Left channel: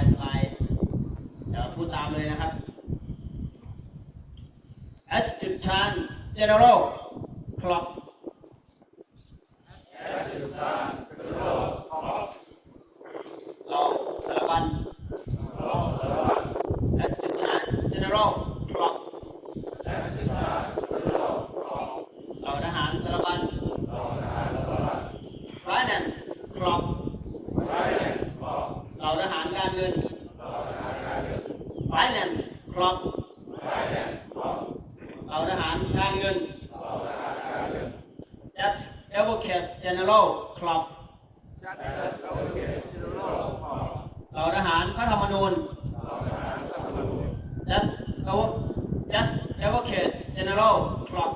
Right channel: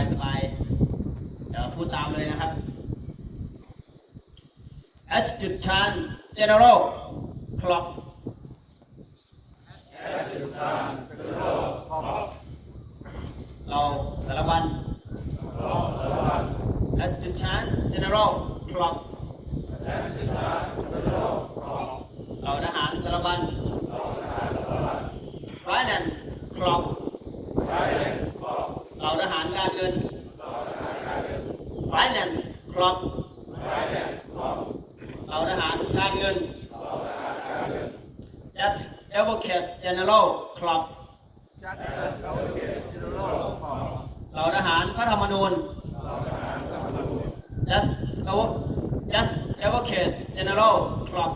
ายสบายเดี๋ยวพูดตามเลยนะครับ H จุดชัน general clock สารบัญ H จุดชัน general clock เราทหารสารบัญ finance clock เราท หารการเงิน finance clock เราทหารการเงิน Judge Advocate General Clock เราทหารพระธรรมนูญ Judge Judge Advocate General Clock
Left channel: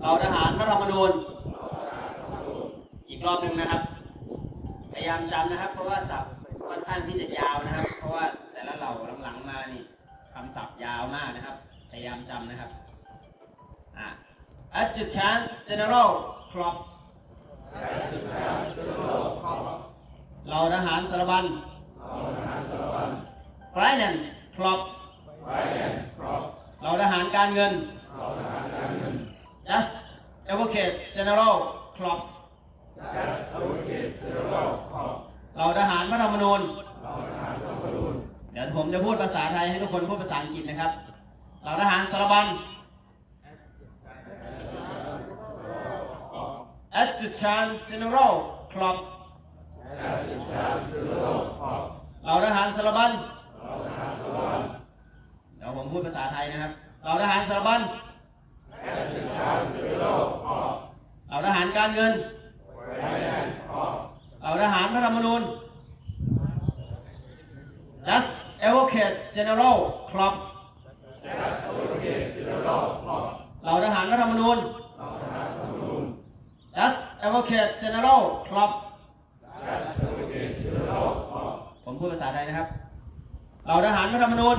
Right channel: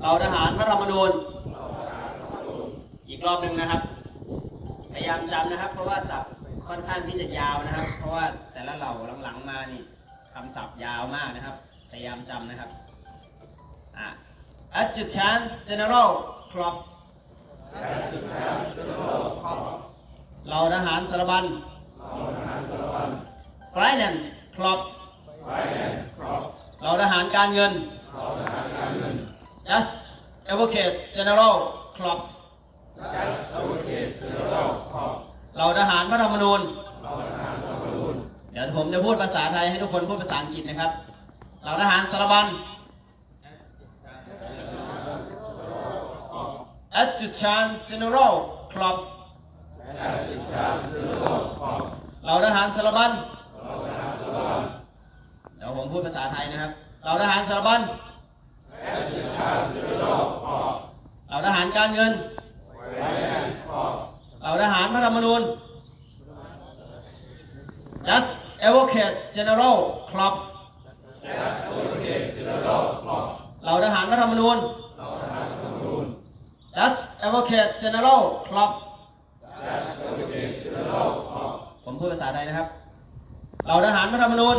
เราทหารพระธรรมนูญ อีกรอบหนึ่งนะครับ ยายามจำนะครับ เพราะว่าศัพท์ค่อนข้างที่จะยาวนะครับ เพราะว่าแต่ละเหล่าหลังๆมานี่คำศัพท์ยาวมากนะครับ พยายามจำนะครับอะ Adjutant General Clock เราทหารสารบัญ Finance Clock เราทหารการเงิน Just Advocate General Clock เราทหารพระธรรมนูญ เดี๋ยว ผมจะพูดภาษาไทยให้ทุกคนพูดภาษาอังกฤษนะครับเราทหารสารบัญ Adjutant General Club เหล่าทหารสารบัญเดี๋ยวผมพูดภาษาไทยนะครับเราทหารสารบัญเราทหารการเงินเราทหารพระธรรมนูญ Just Advocate General Club เหล่าทหารรัฐธรรมนูญ Just Advocate General Club ผมพูดภาษาไทยนะครับ เหล่าทหารรัฐธรรมนูญ